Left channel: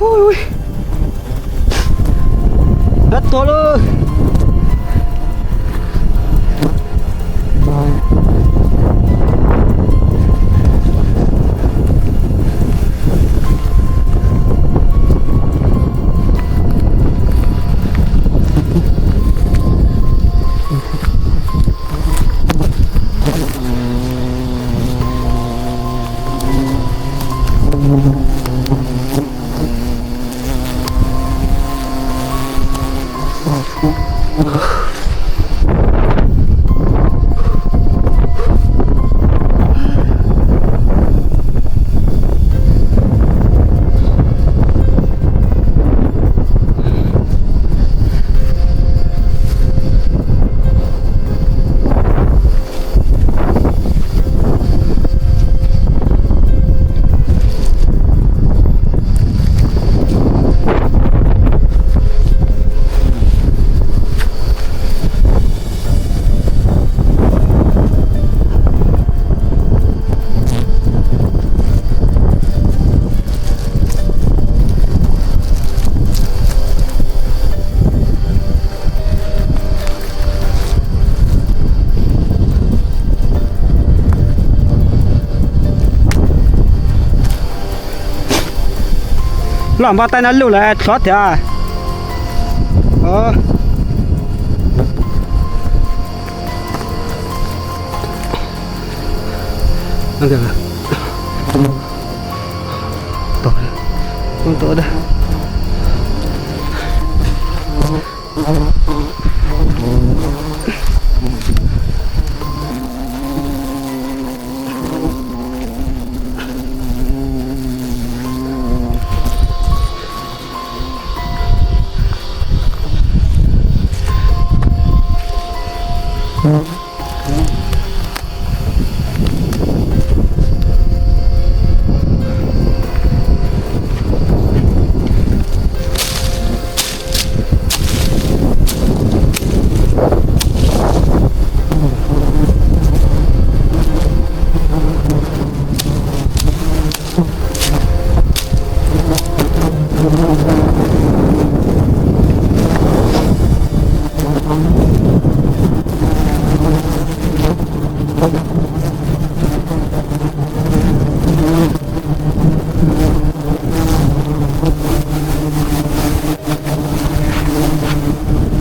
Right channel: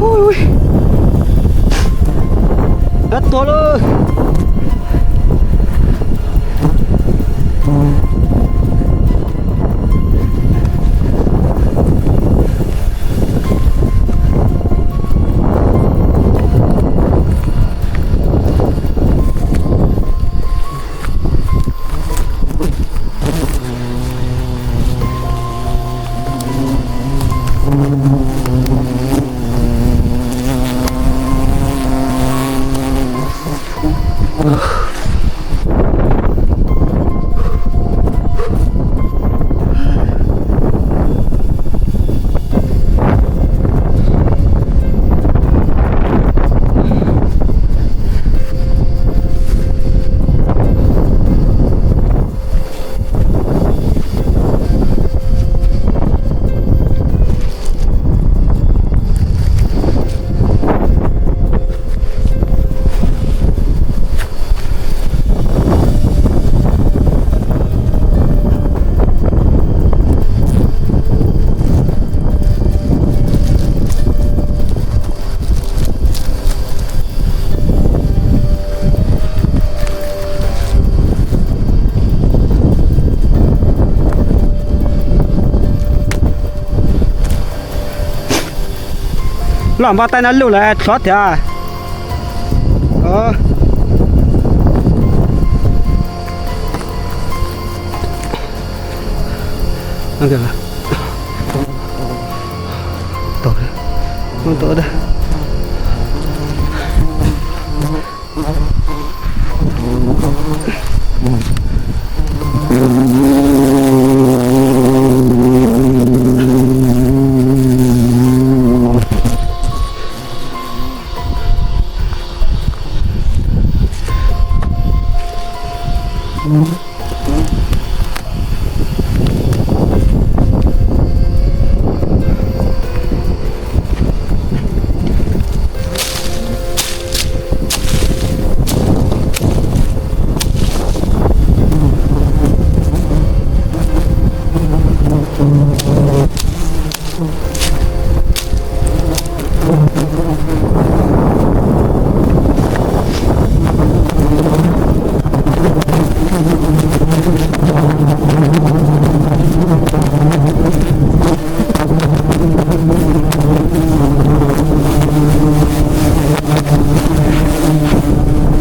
Ui, hết to luôn. Làm bao tay nó lưu lại xót thì à. Ăn được à? Tổ đây. Con tổ đây.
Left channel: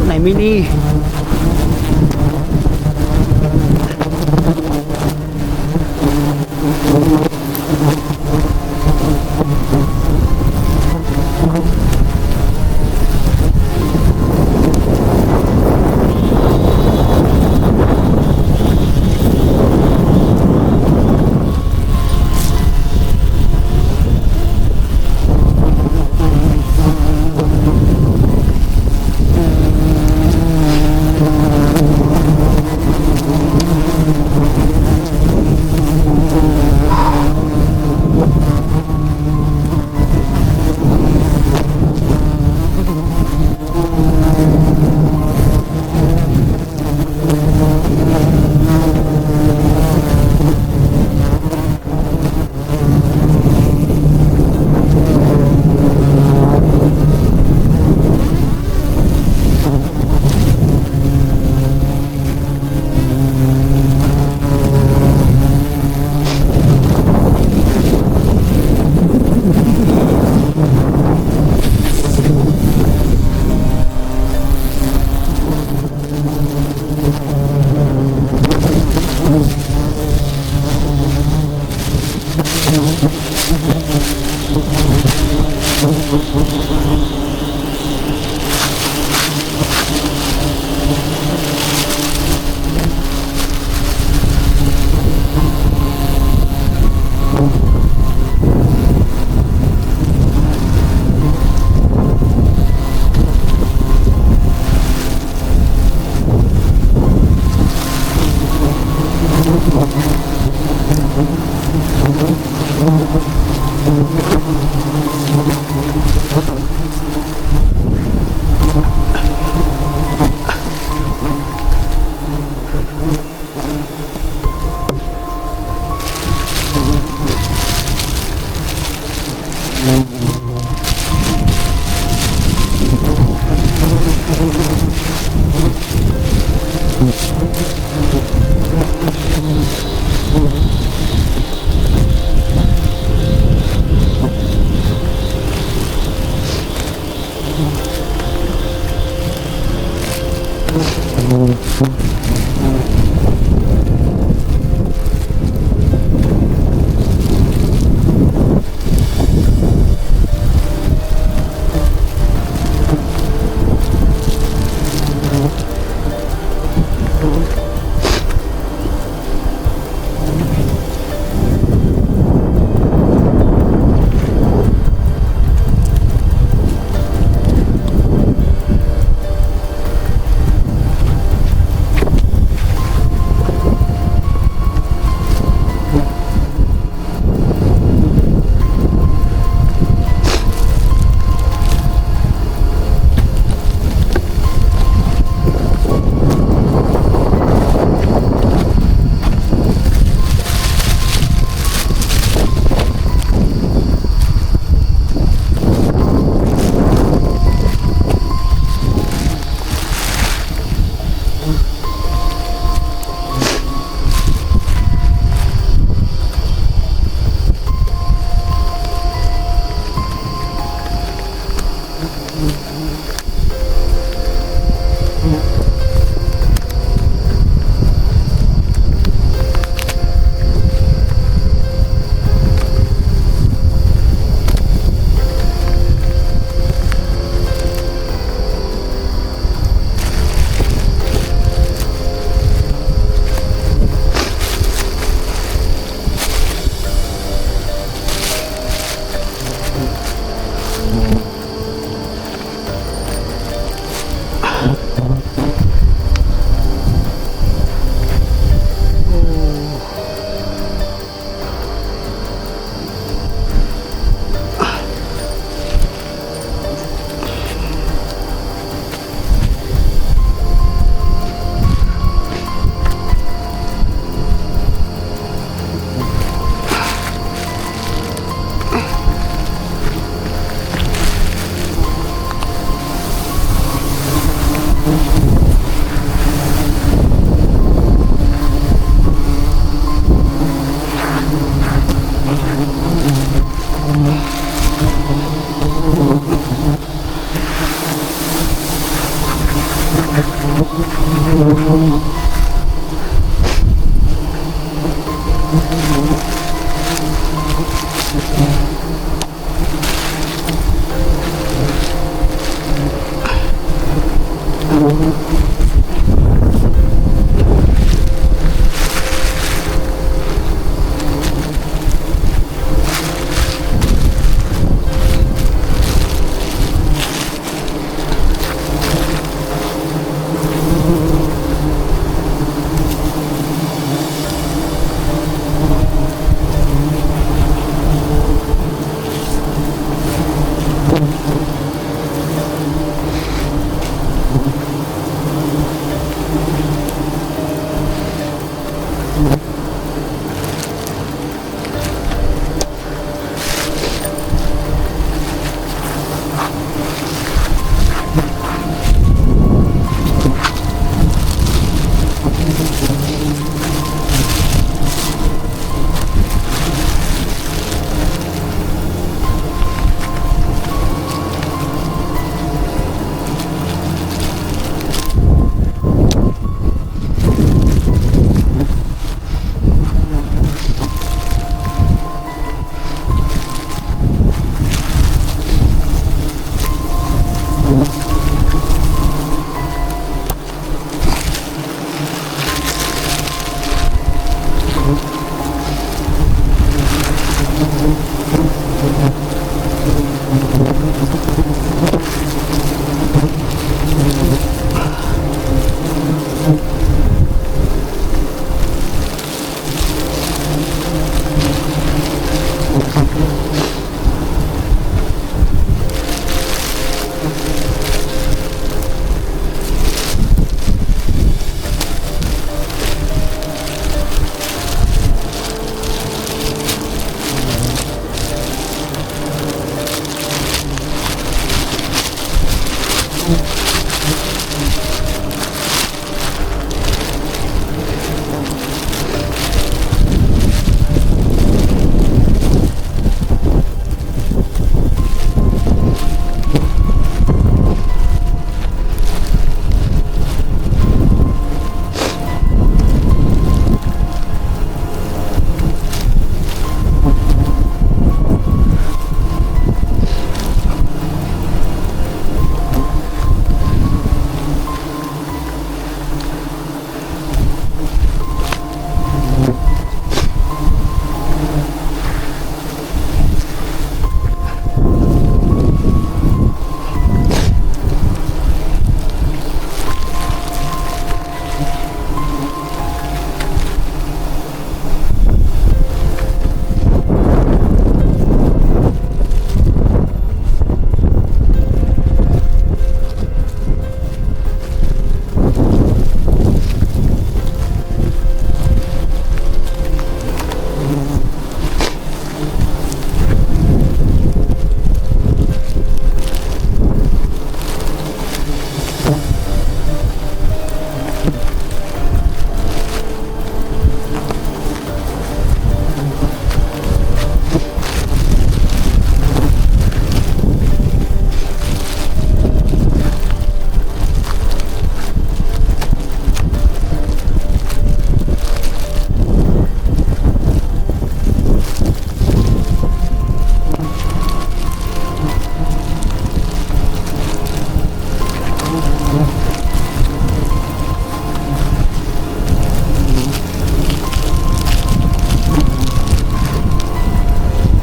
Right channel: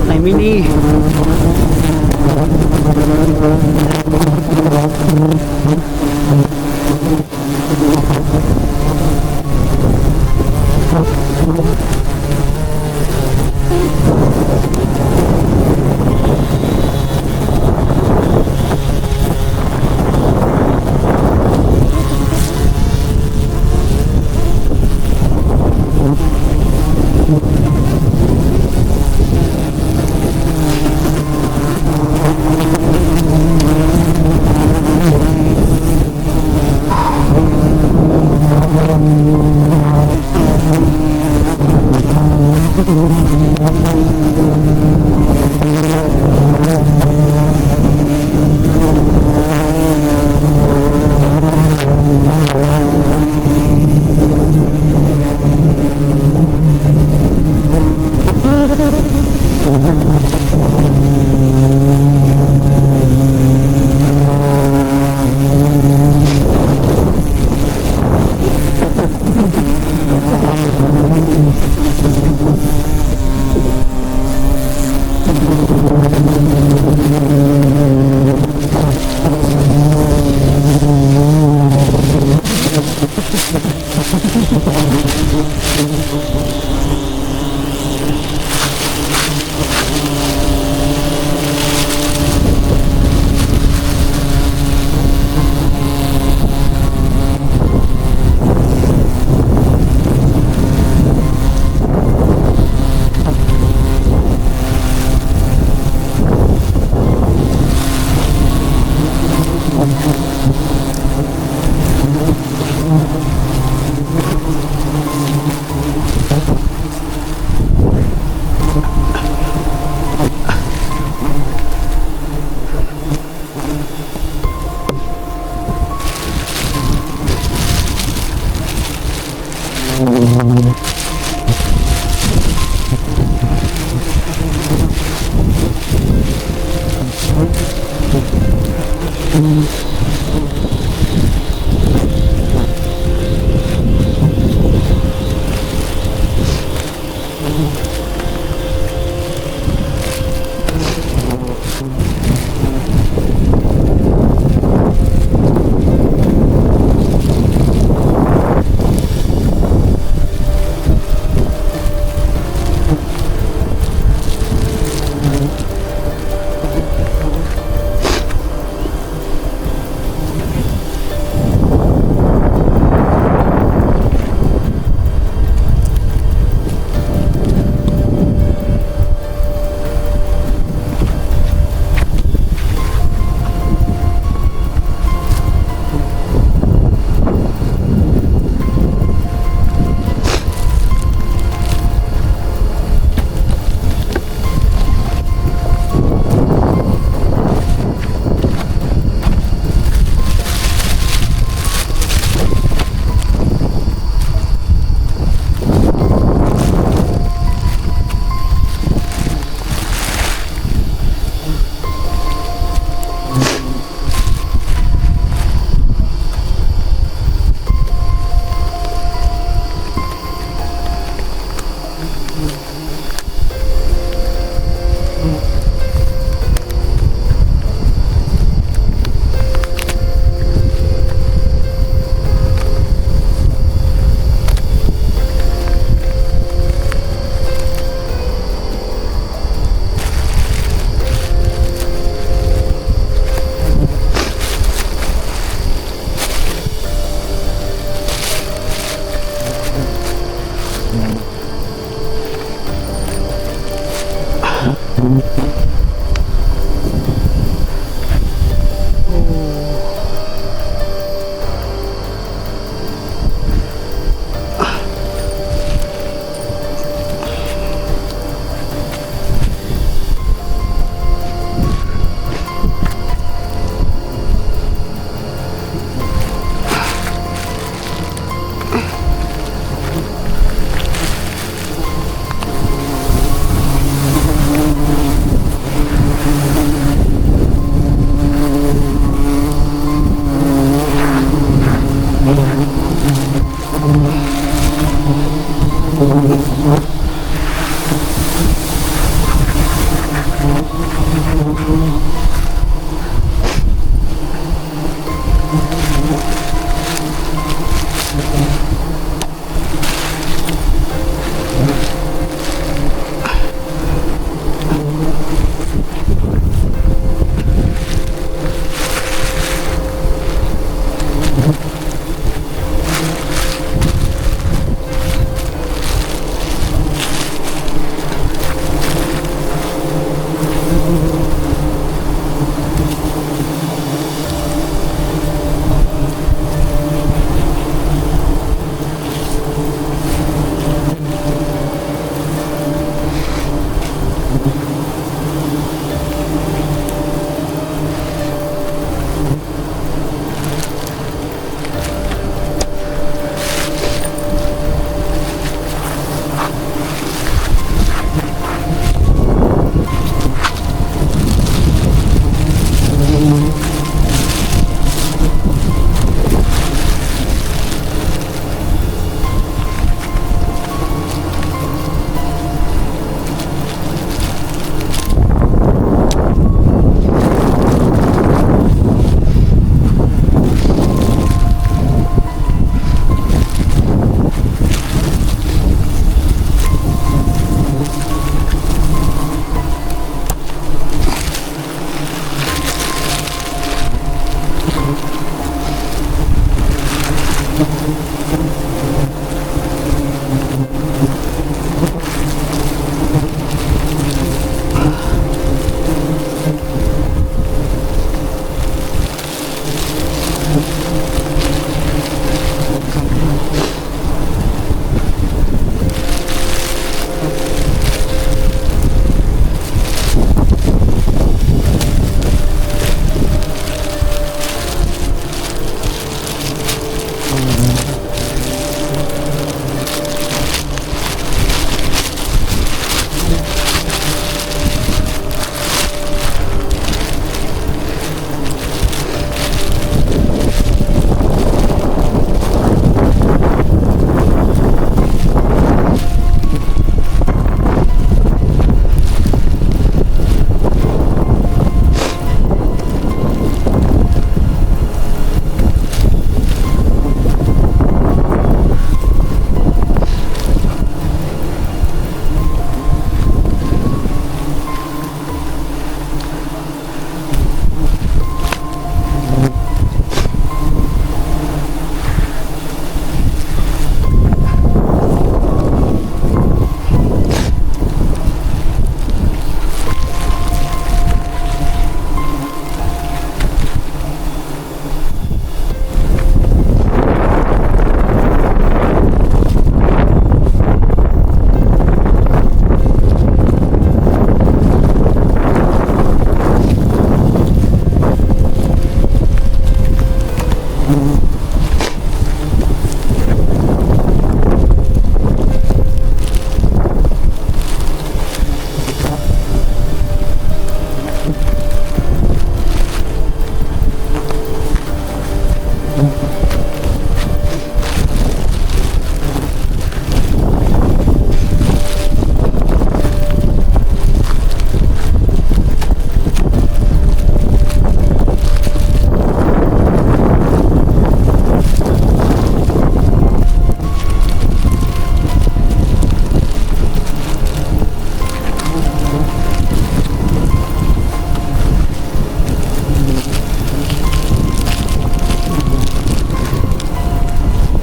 Này mini.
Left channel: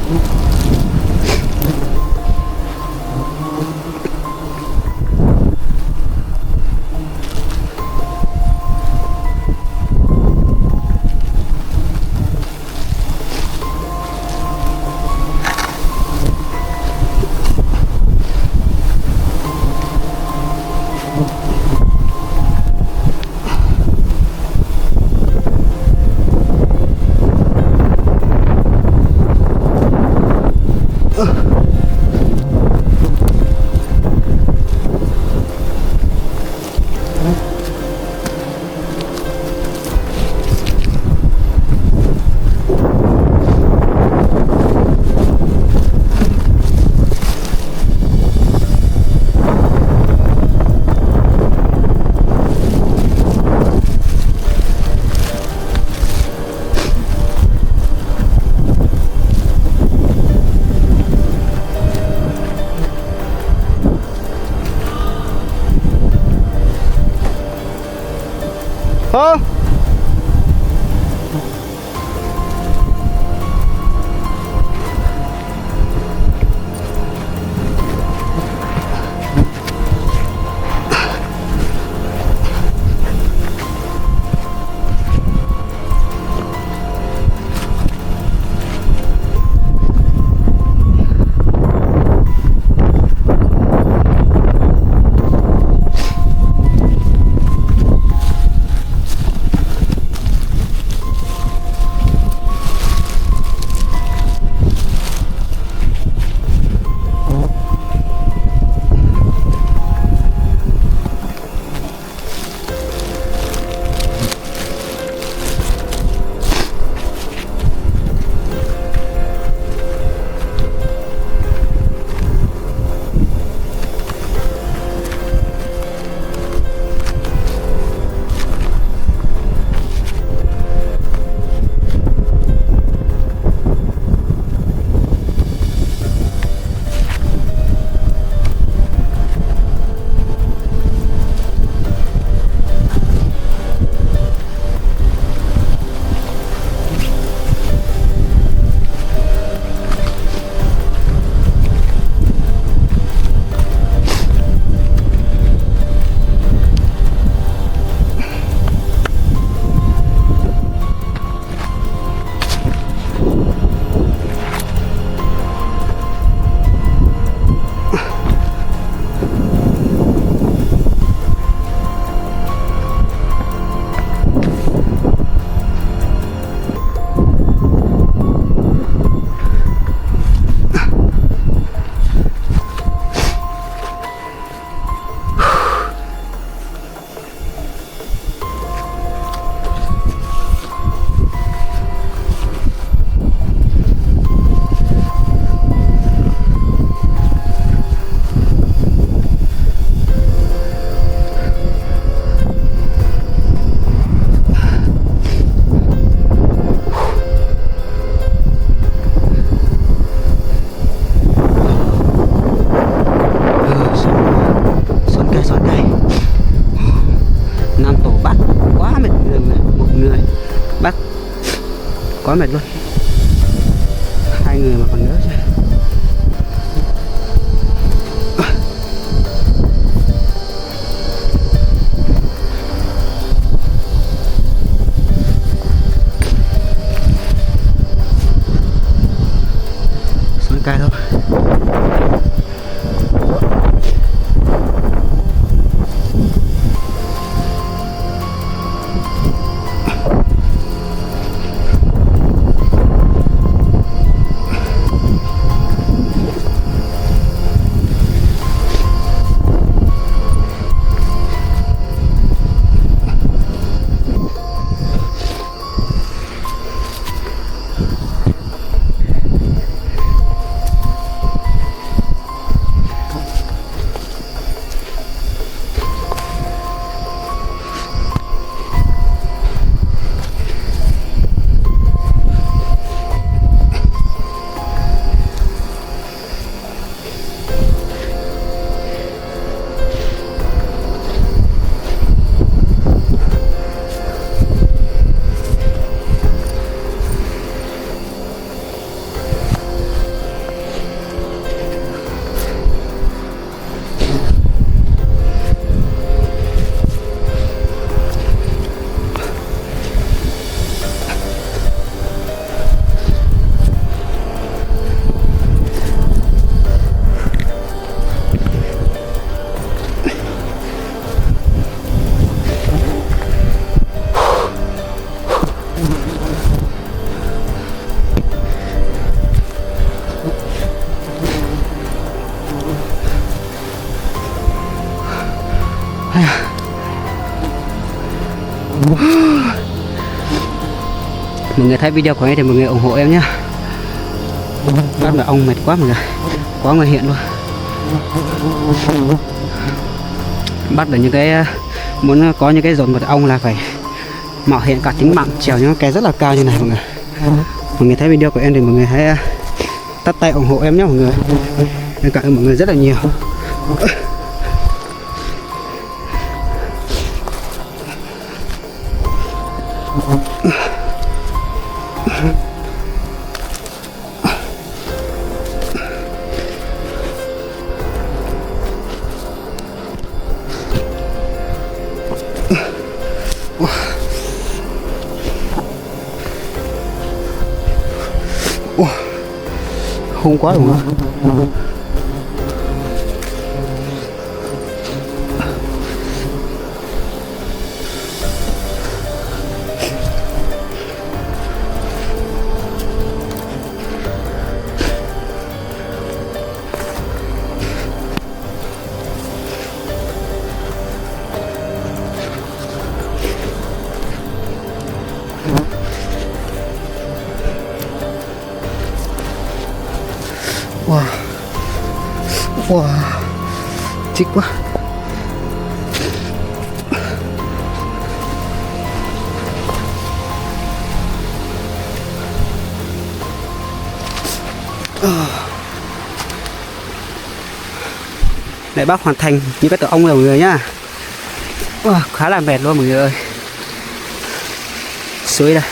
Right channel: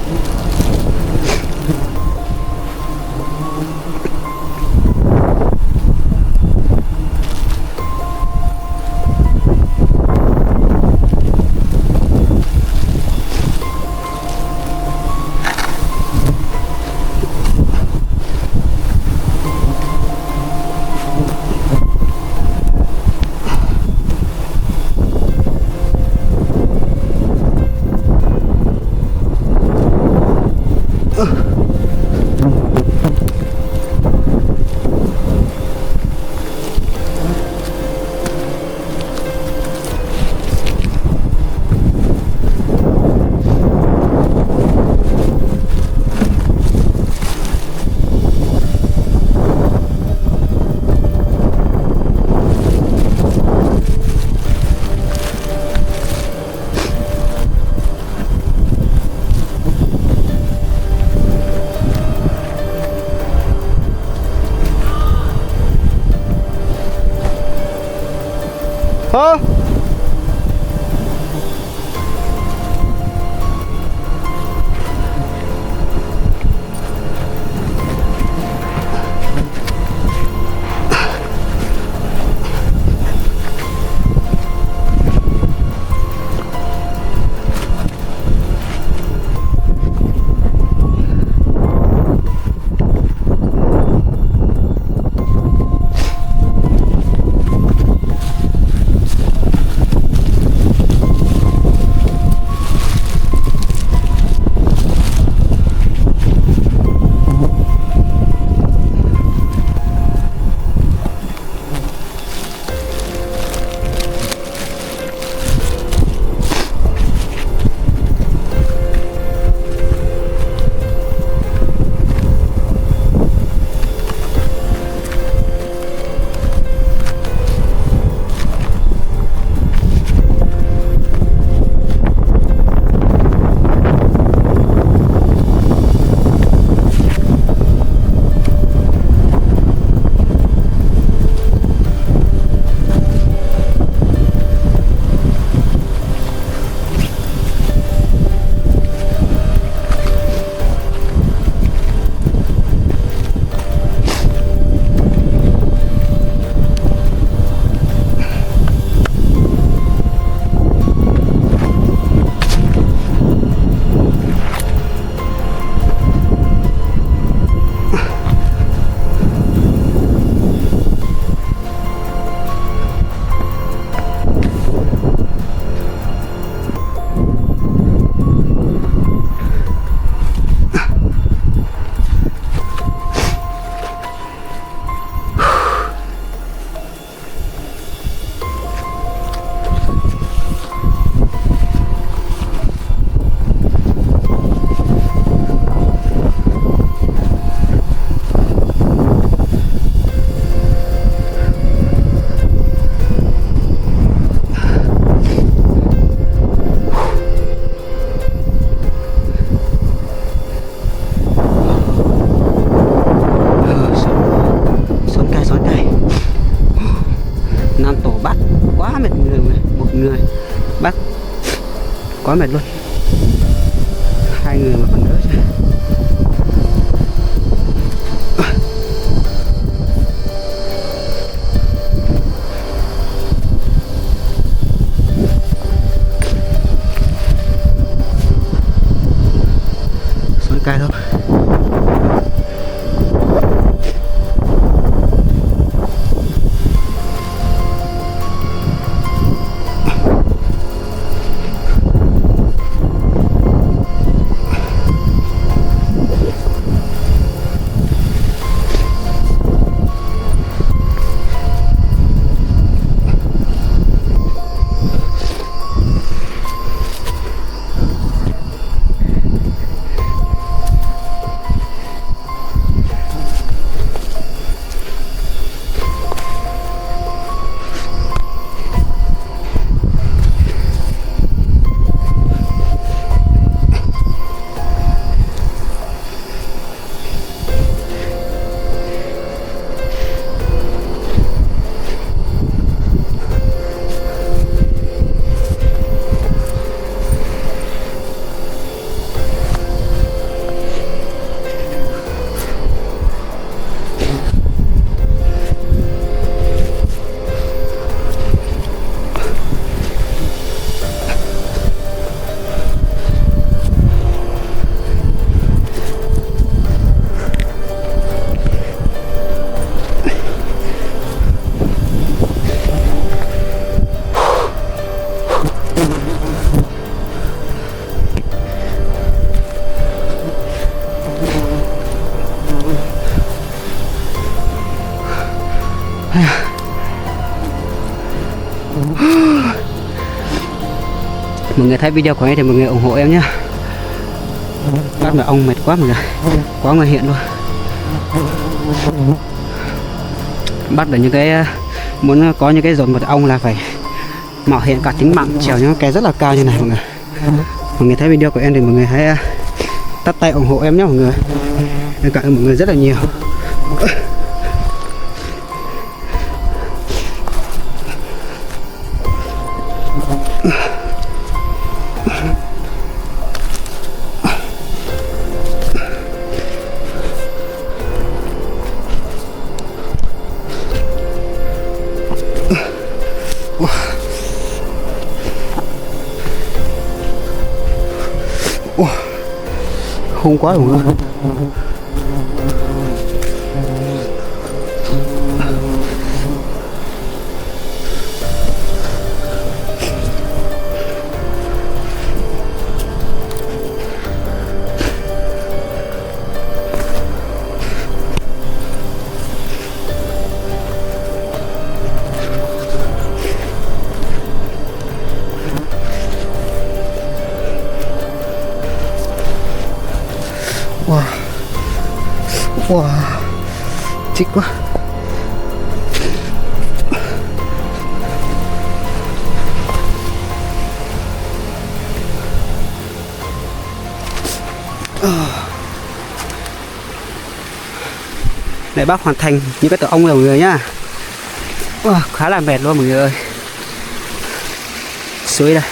Hả? người bắt quá mệt luôn, 2 người mà còn đỡ chứ. Xuống cây thôi. Mọi người thấy video của em thì mọi người ủng hộ em nhé. Bắt mà ong mệt quá mọi người, quá nguy hiểm luôn. Bắt được những cái muốn có những cái dồn mật ong là phải mạo hiểm cả tính mạng, trèo những cái rất là cao như này mọi người. Mọi người thấy video của em thì mọi người hãy tắt tay ủng hộ em nhé mọi người. Em cảm ơn mọi người rất là nhiều. Hung quá đúng không? Wow, wow, thích quá. Để bác hoàn thành những cái tổ ong này mọi người nhá. Khá là mệt luôn mọi người ơi. Suối đây.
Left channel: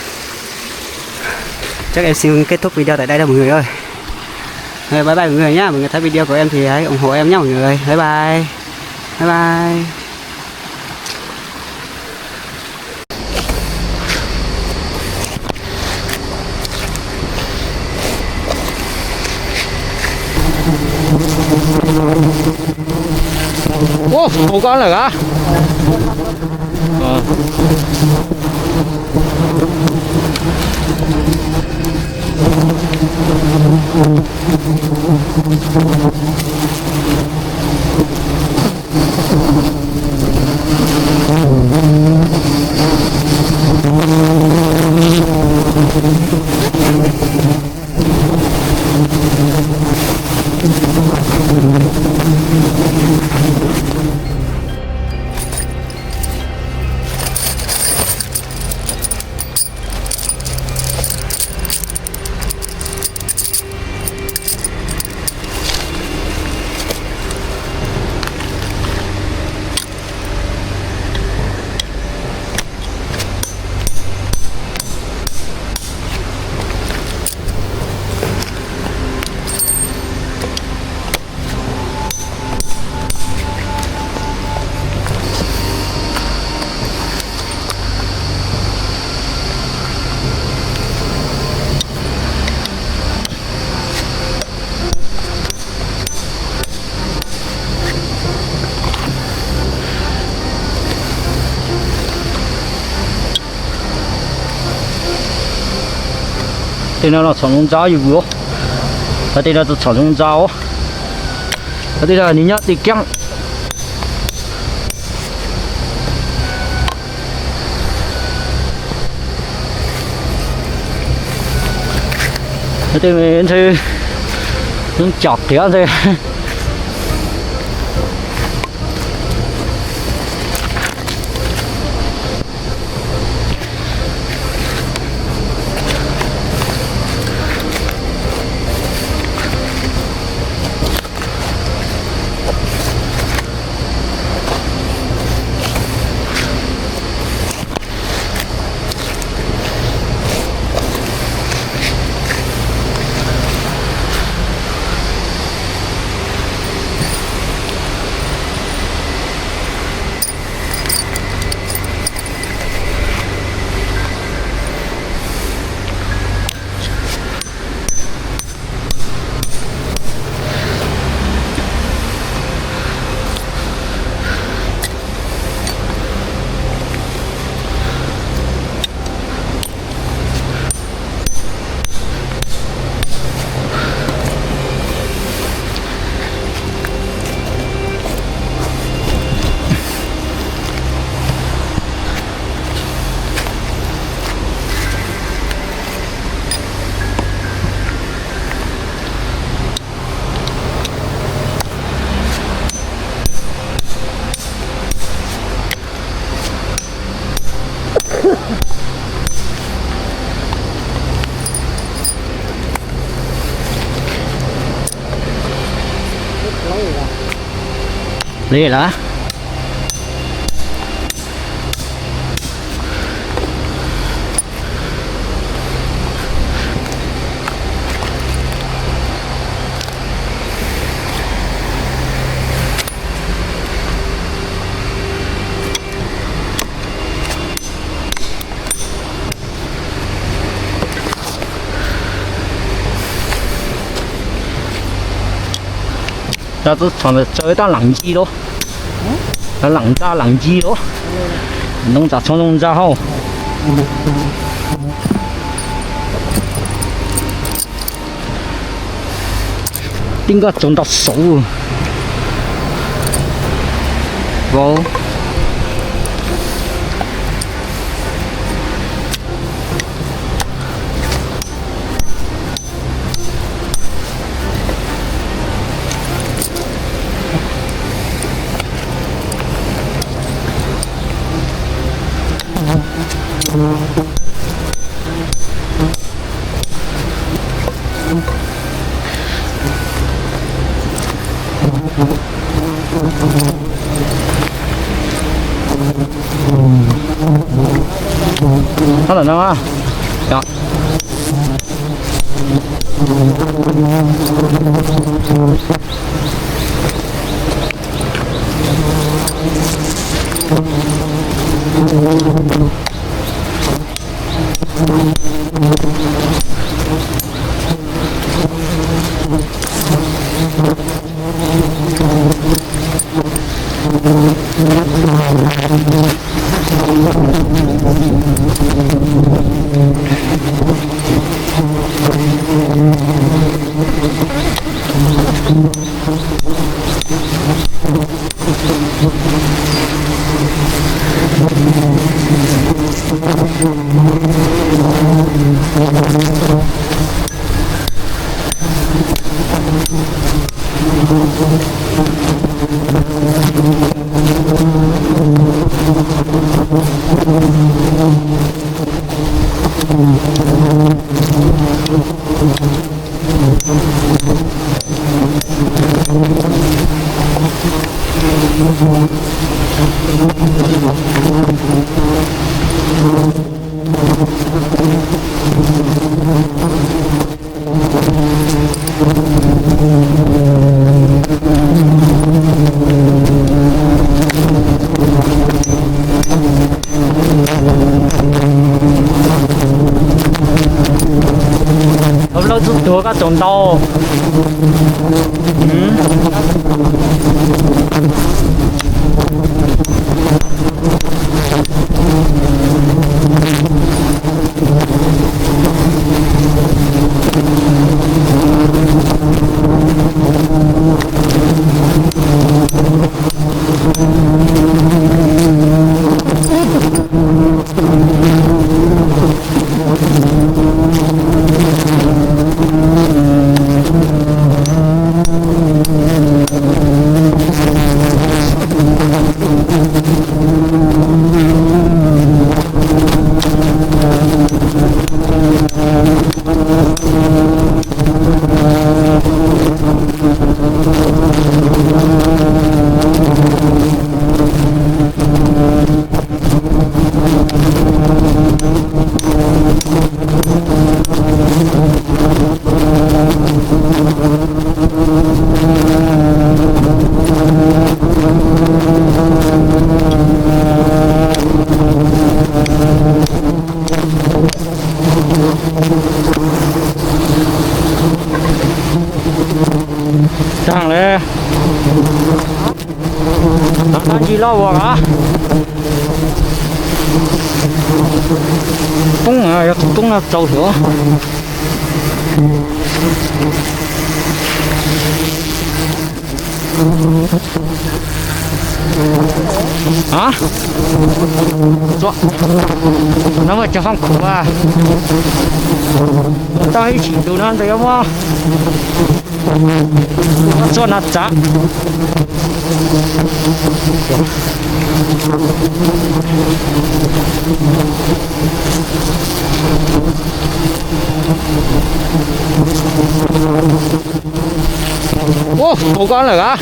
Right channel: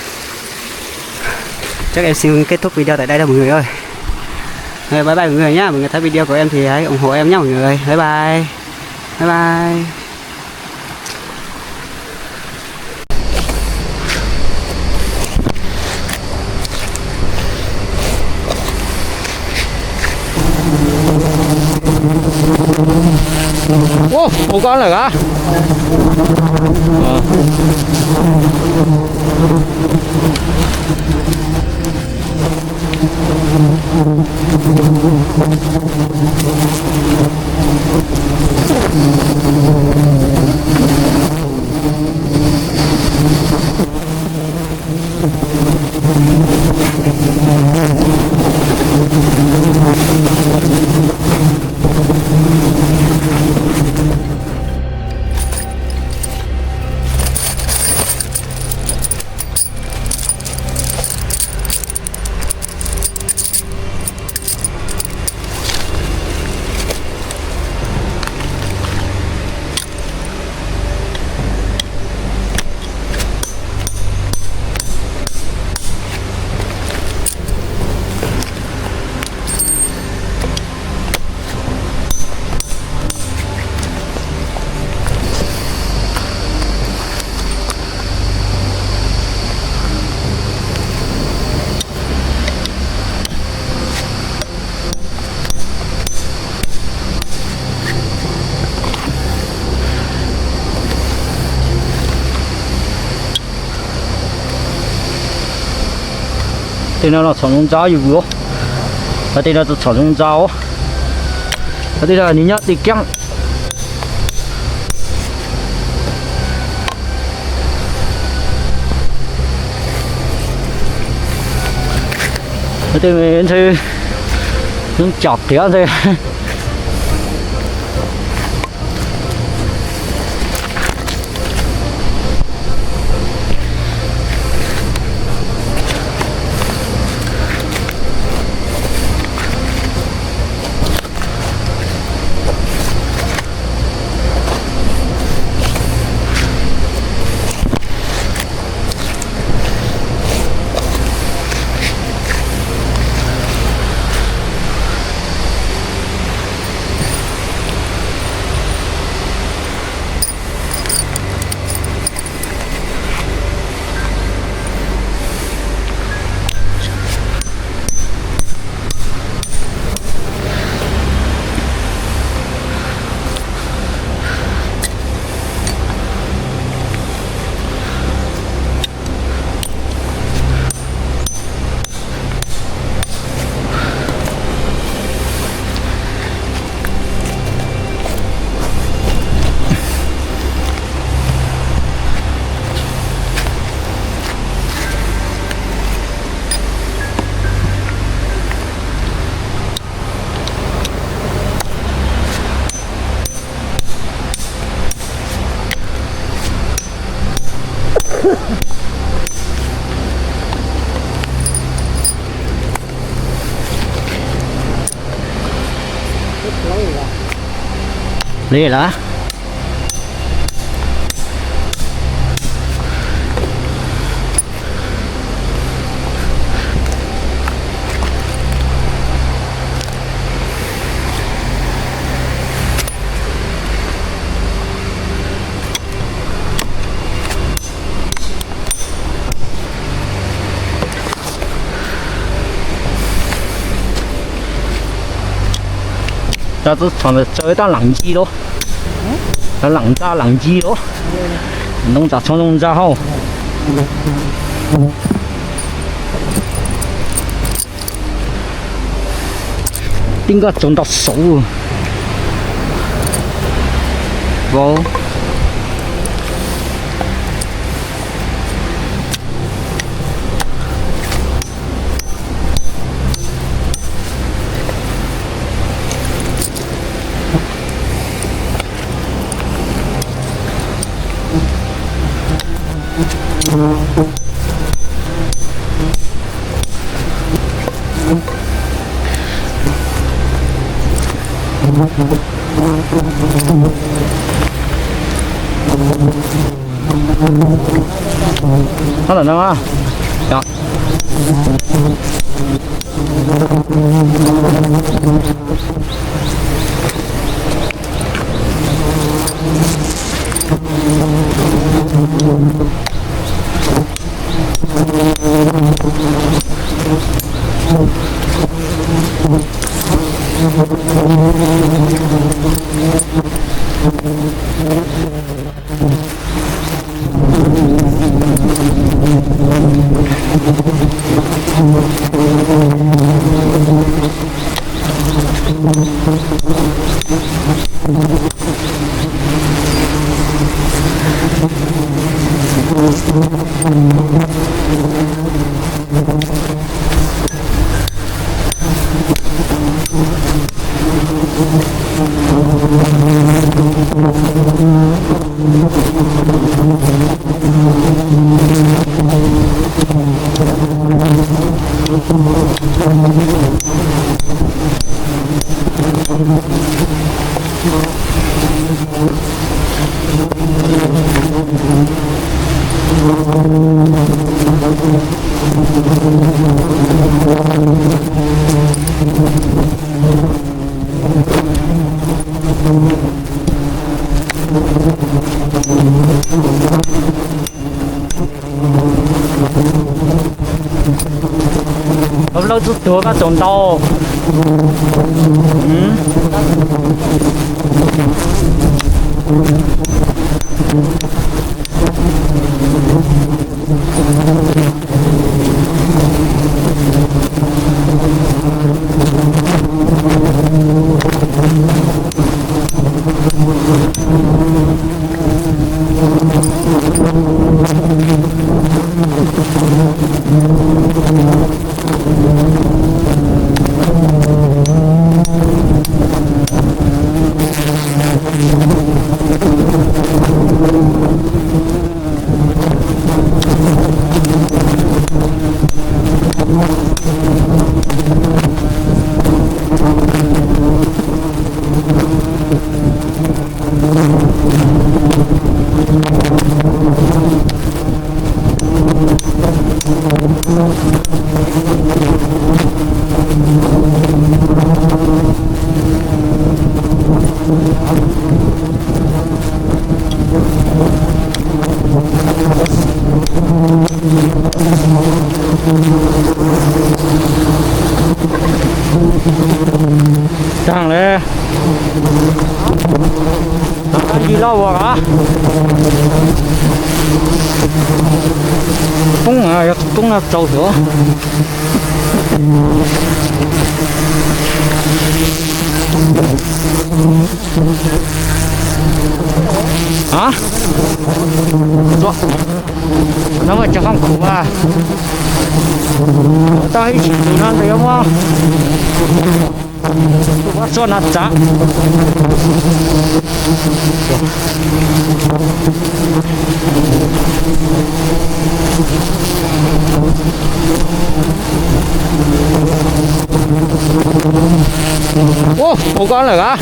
Chắc em xin kết thúc video tại đây đâu mọi người ơi. Bye bye mọi người nhá. Mọi người thấy video của em thì hãy ủng hộ em nhé mọi người. Bye bye. Bye bye. Ô, một con rồi hả? đây là草丛渣有不？这里是草丛渣哦，这里你要得讲。这边是用脚点的。累了。那这床的这一档冷机咯，那冷机咯，弄咋冲弄咋好。应该种到手，不。他等着吗？行。老子多个中刀，上来，拿起老我啊！动啊，要动了走球。啊？做，那么加上苦啊，到一起就那的要么，我做那咋？ Ô, một con rồi hả?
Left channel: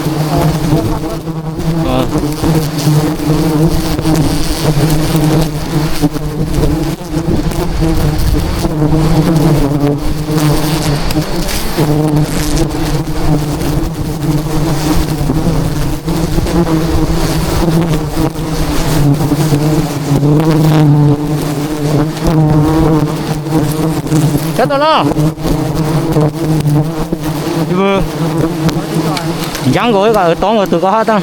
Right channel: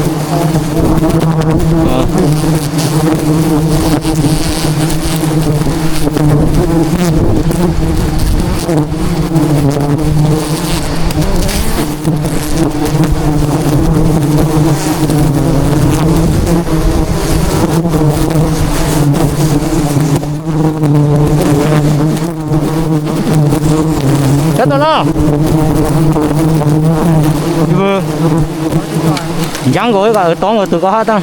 Chết rồi đó. Vừa dán gối cả tóm rồi tụi có hết á.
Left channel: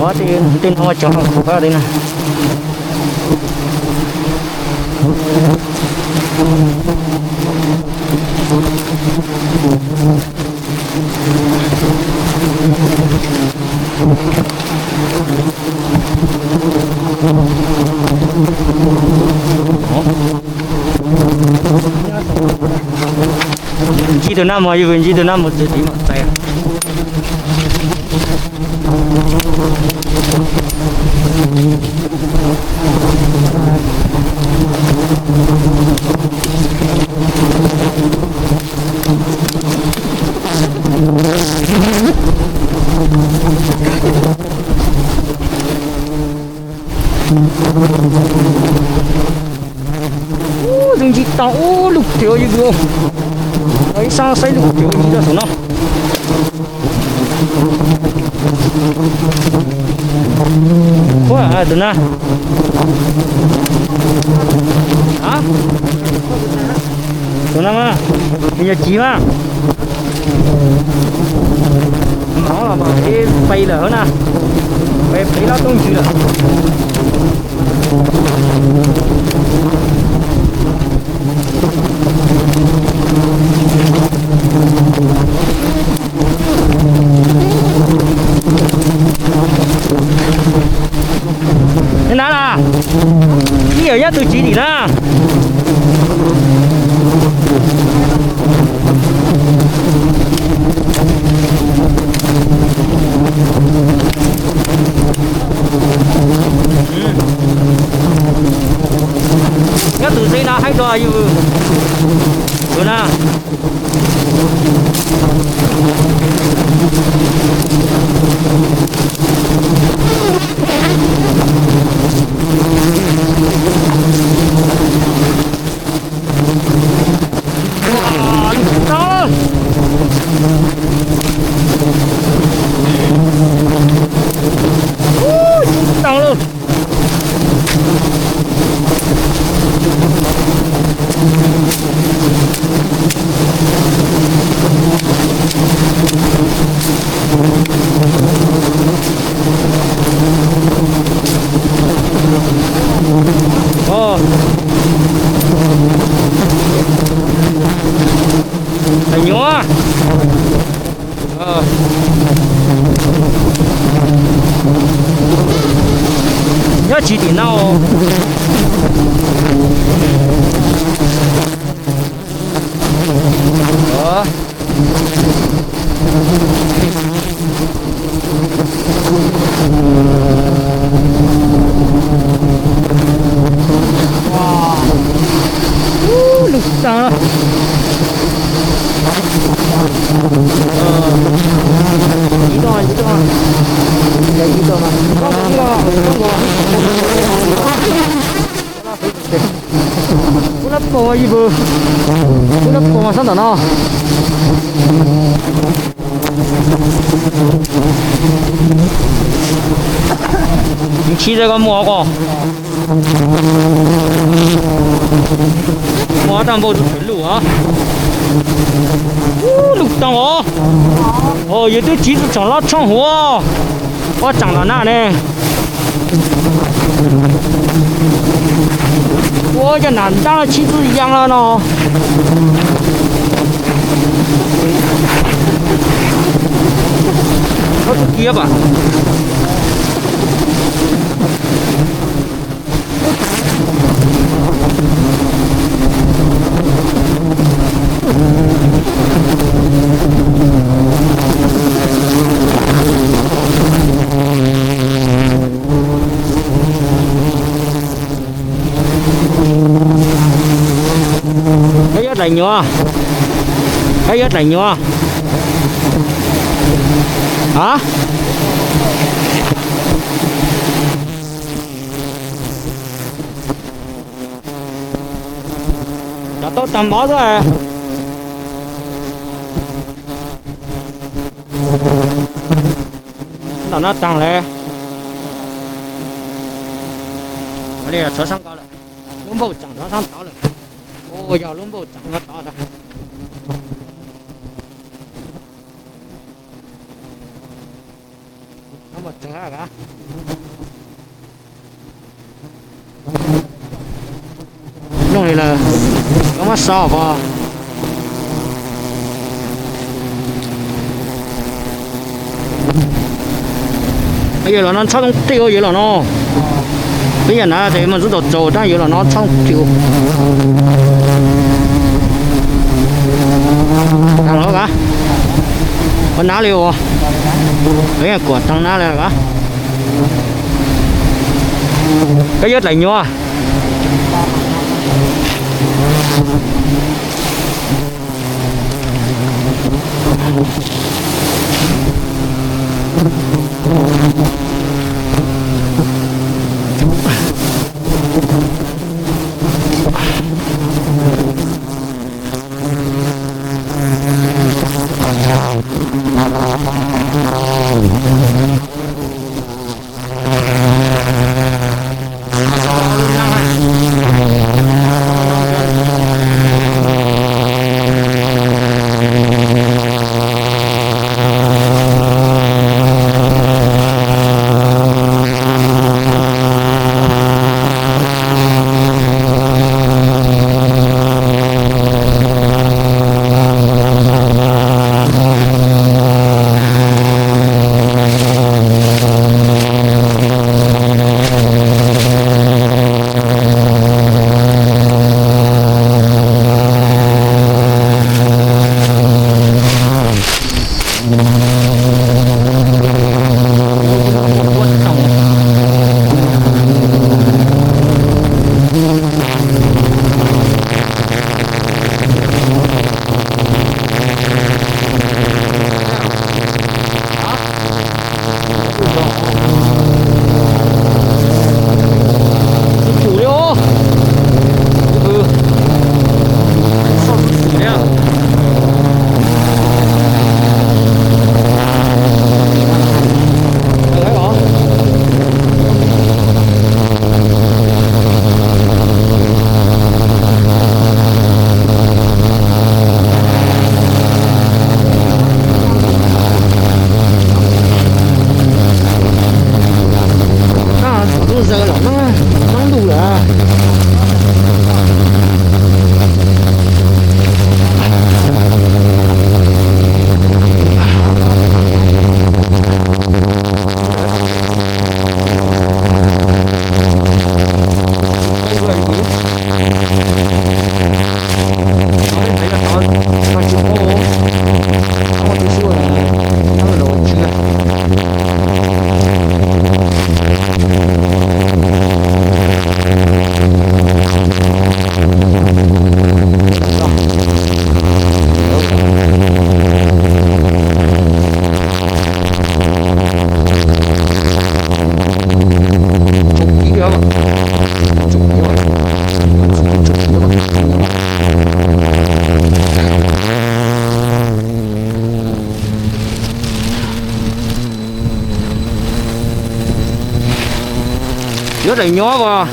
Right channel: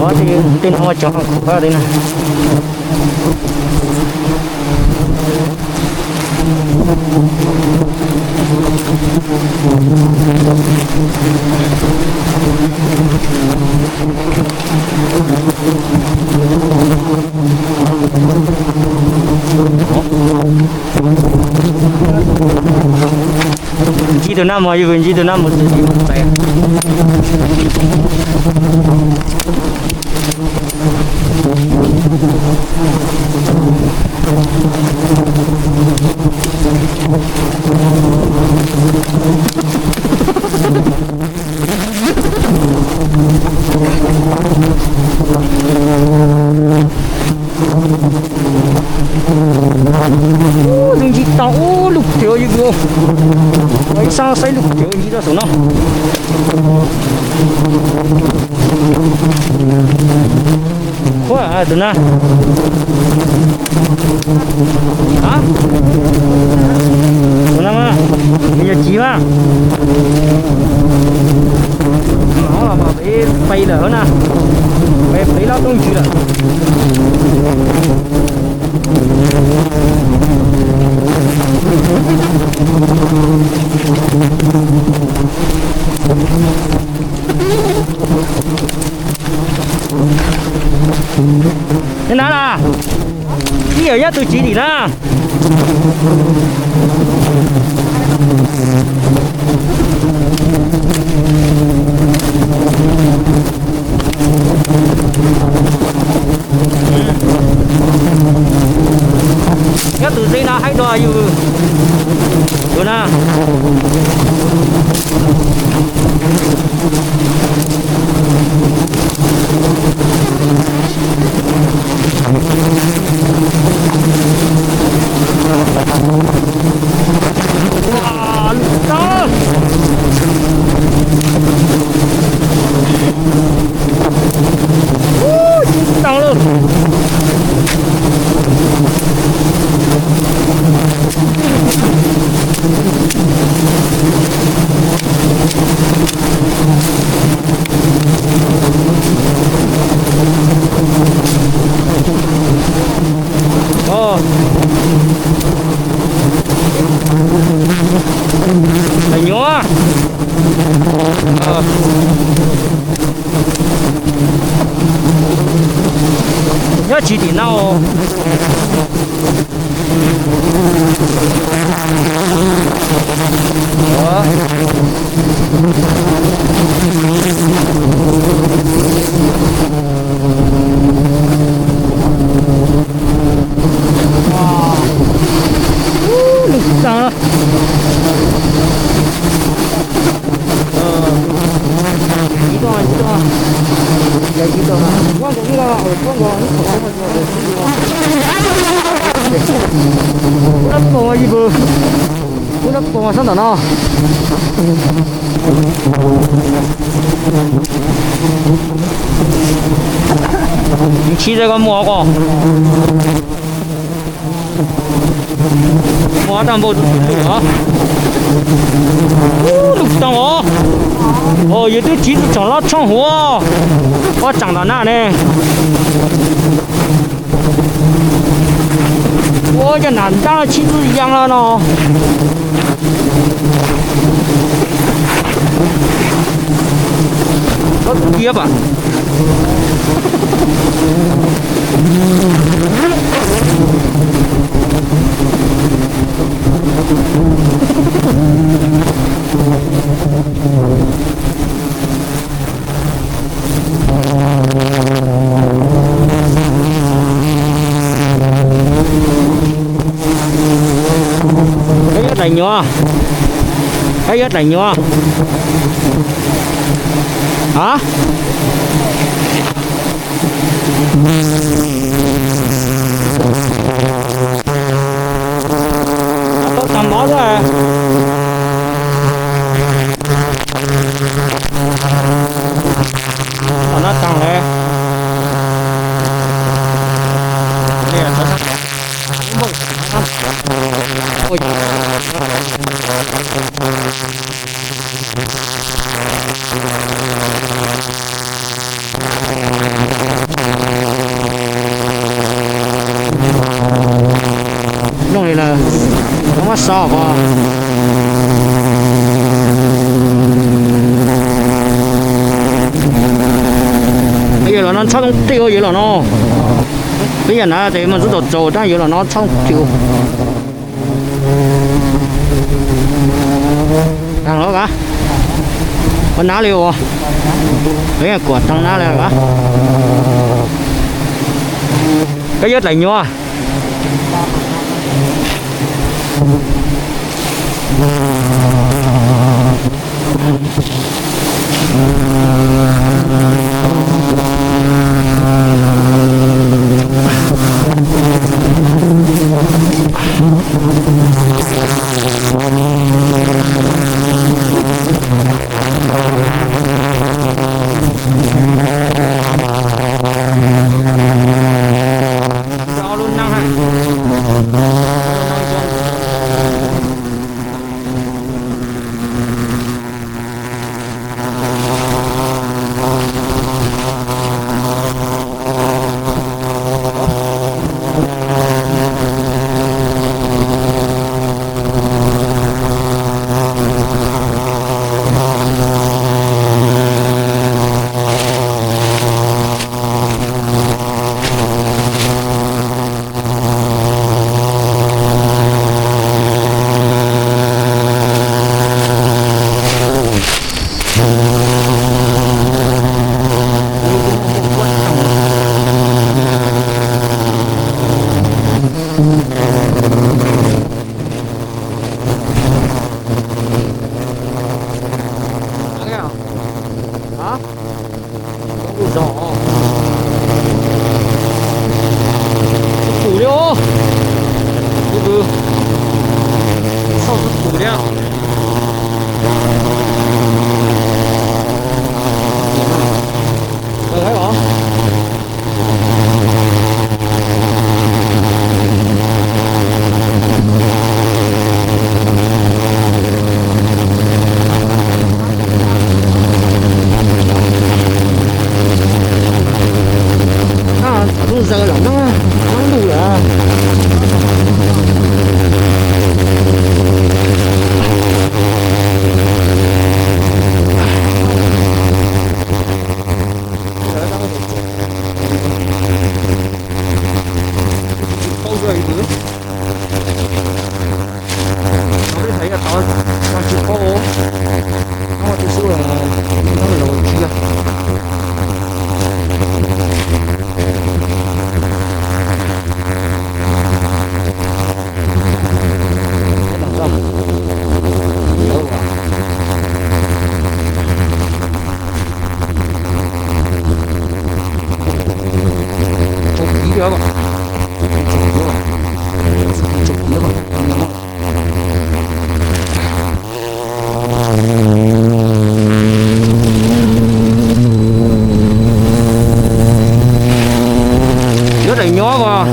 Có thì tin không cho vào đây này. Chỉ từ năm mà chỉ từ năm một chỉ một tay. Đừng chỉ tao lục thiếu như vậy. Ấy sao xây lục thiếu như đó số nào? Quá à tụi na. Hả? Tụi na mà. Bây giờ chí mà. Nó là bảo cái bay lở nè. Bay thấy nó tung chứ là. Thế nào là đi ở nhá từ chỉ đi ra nhá từ đây là hay đòi như rồi nè. Tăng luôn. Thành nhúa. Nhớ chỉ tỷ nào. Đó. Wow. Lực sao? Chỉ thôi. Vậy chỉ thôi mà. Con cũng lo, con còn cú đắp bò gì vừa, cú đắp bò sao tao nó. Chỉ đây có mua con, mua tao bao nhiêu tiền lửa? Lục tao ó, vậy tôi chỉ chẳng lo trong hồ, có chẳng là nào nè. Ôi cái难当的妻子一样了呢。nó cũng kia bà. Cái ớt này nhỏ, cái ớt này nhỏ. Hả? Đã tốt tầm bó rồi à. Nó tăng lên. Đây là số 6. Không không. Ôi giời. Lúc này là nó mắt sò vào. Bây giờ là nó không tiêu vậy là nó. Bây giờ nó thì mình rất là trâu,但giờ là nó không tiêu. Thằng đó cả. Con ná liều à? Đấy là của thằng ná này cả. Cái dứt lạnh nhua. Phủ điêu. Sao phủ đấy à? Được đấy hả? Đúng giờ là nó đủ là thấy là nó chịu khô nó một tí xíu là nó là đồ chia. Rất là nhỏ vào.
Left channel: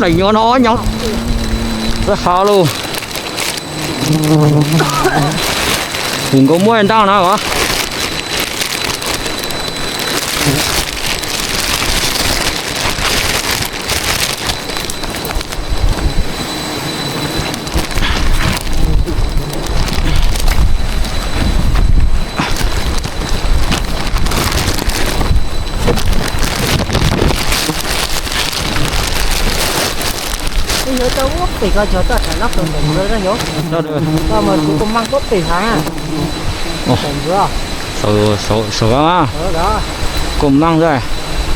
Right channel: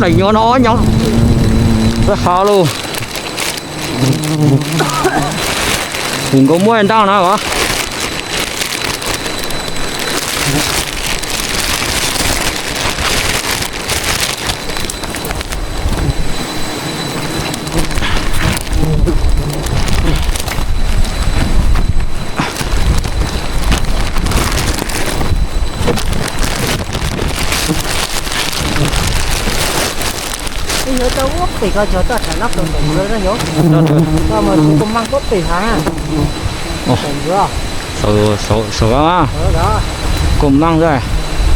Này nhỏ nhỏ rất khó luôn. Đừng có mua anh tao nào hả? Nhớ tấu bị coi cho ta phải lắp được rồi đó nhớ. Sao mà cũng mang bóp bị hả? Ồ. Số á. Đó. Cùng mang rồi.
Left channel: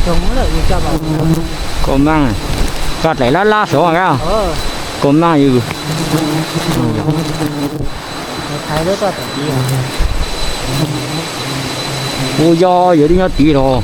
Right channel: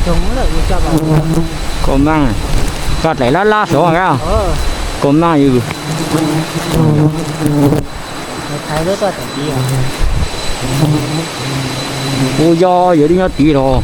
Chúng nó lại cho bảo. Cùng mang. Cắt lấy lá số à? Cùng mang gì? Thấy đứa ta phải đi à? Ôi do vậy đi nhá tí rồi.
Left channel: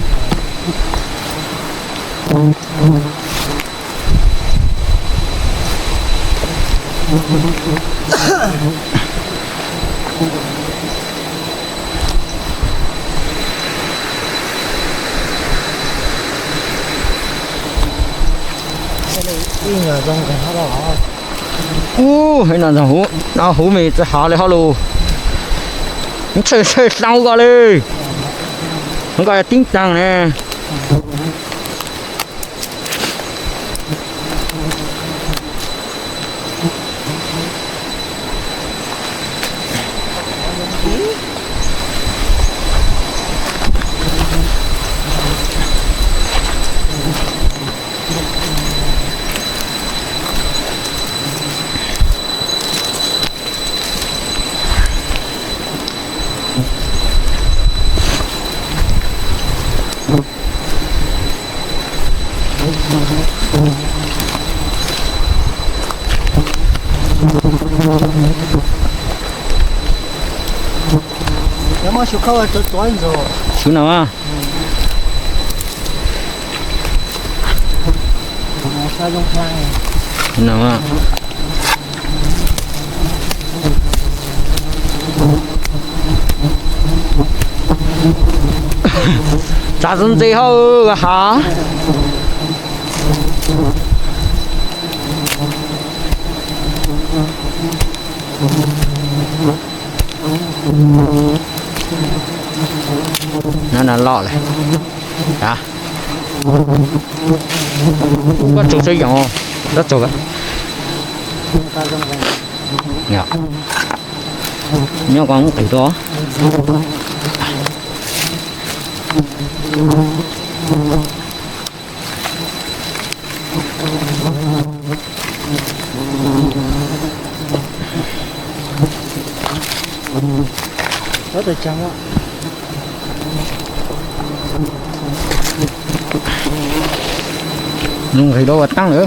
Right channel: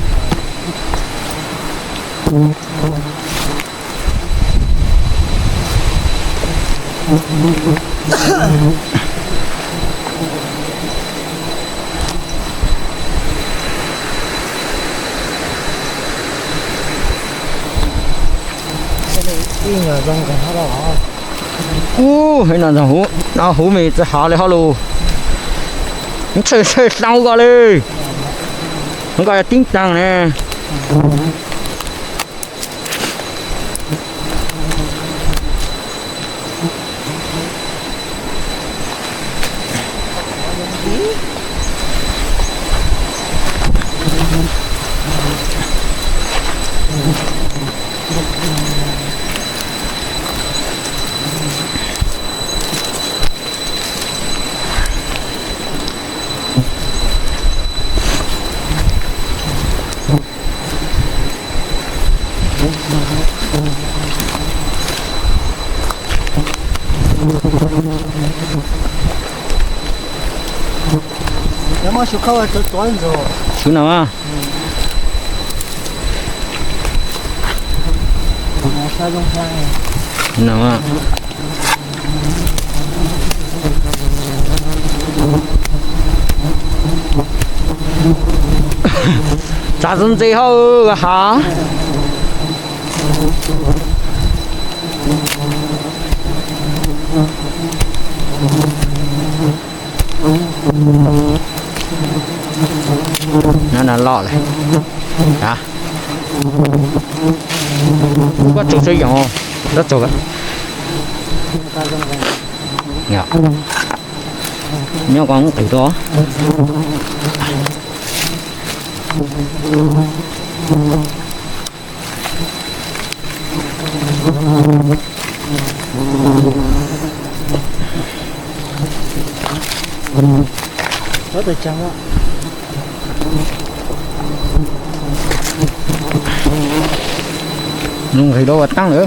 Đi nhờ rong cái nó đó. Hay là nó hú mì sẽ hạ lại hạ luôn. Nó chơi sao qua đi. Nó gọi là tiếng tăng nè. Nếu mà chịu khâu là tối rồi. Chú nào á? Sao không sang? Chú nào á?咋整最好哈？nó lọ này hả có chỗ xây dựng rất chỗ dạ nhớ con từ đó rất là trắng ạ. Nhưng thì đâu có tăng nữa.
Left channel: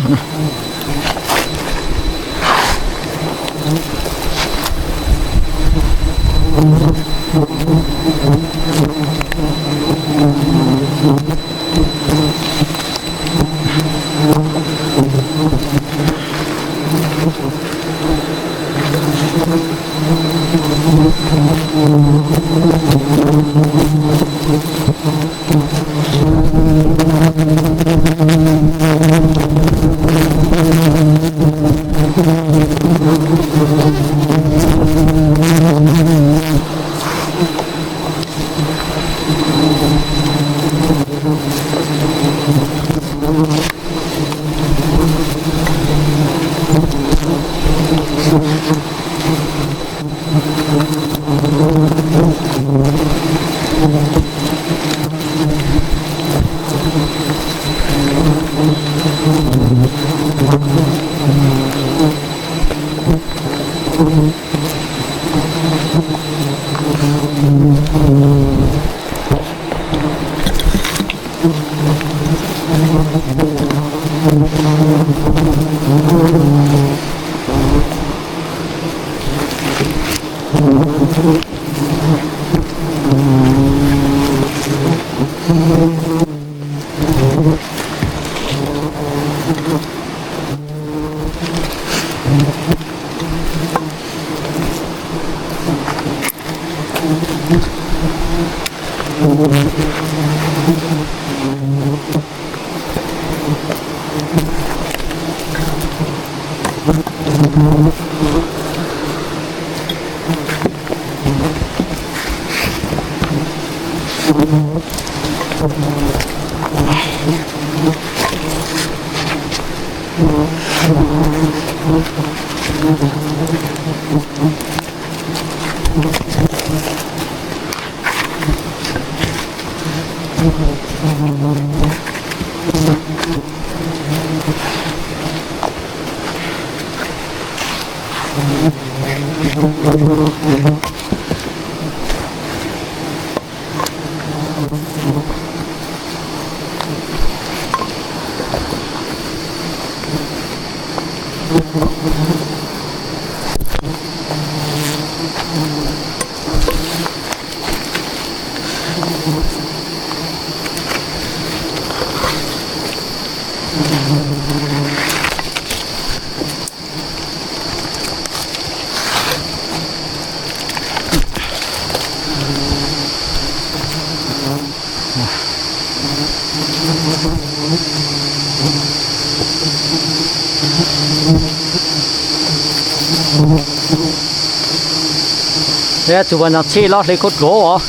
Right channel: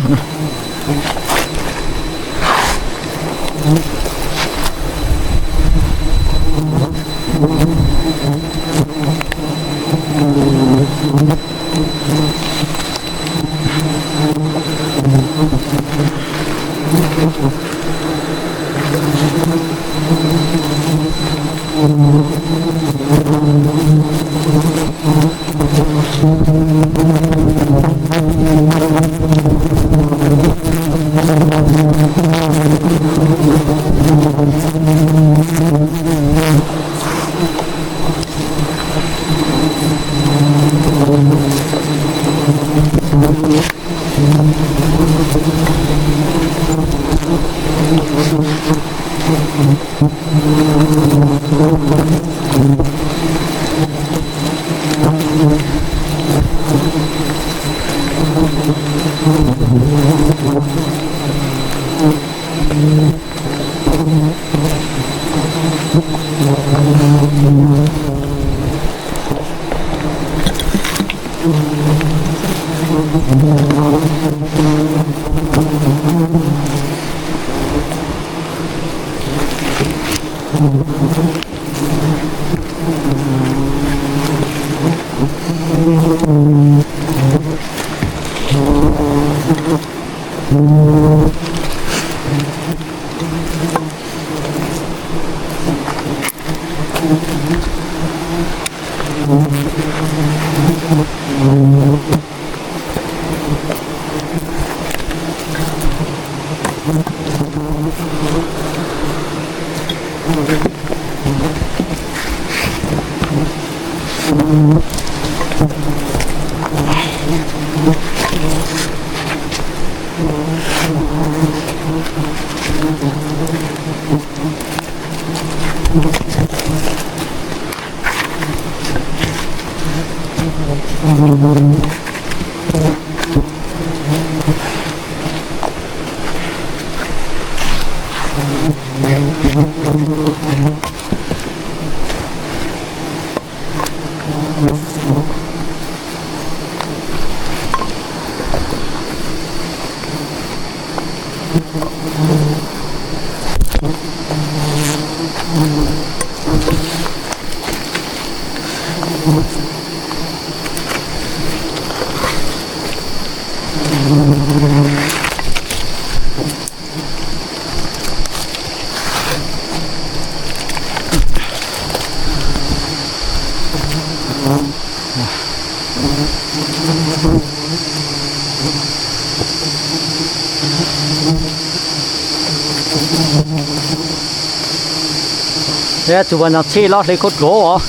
Thế tụi mình xe lót lấy cốt gỗ hả?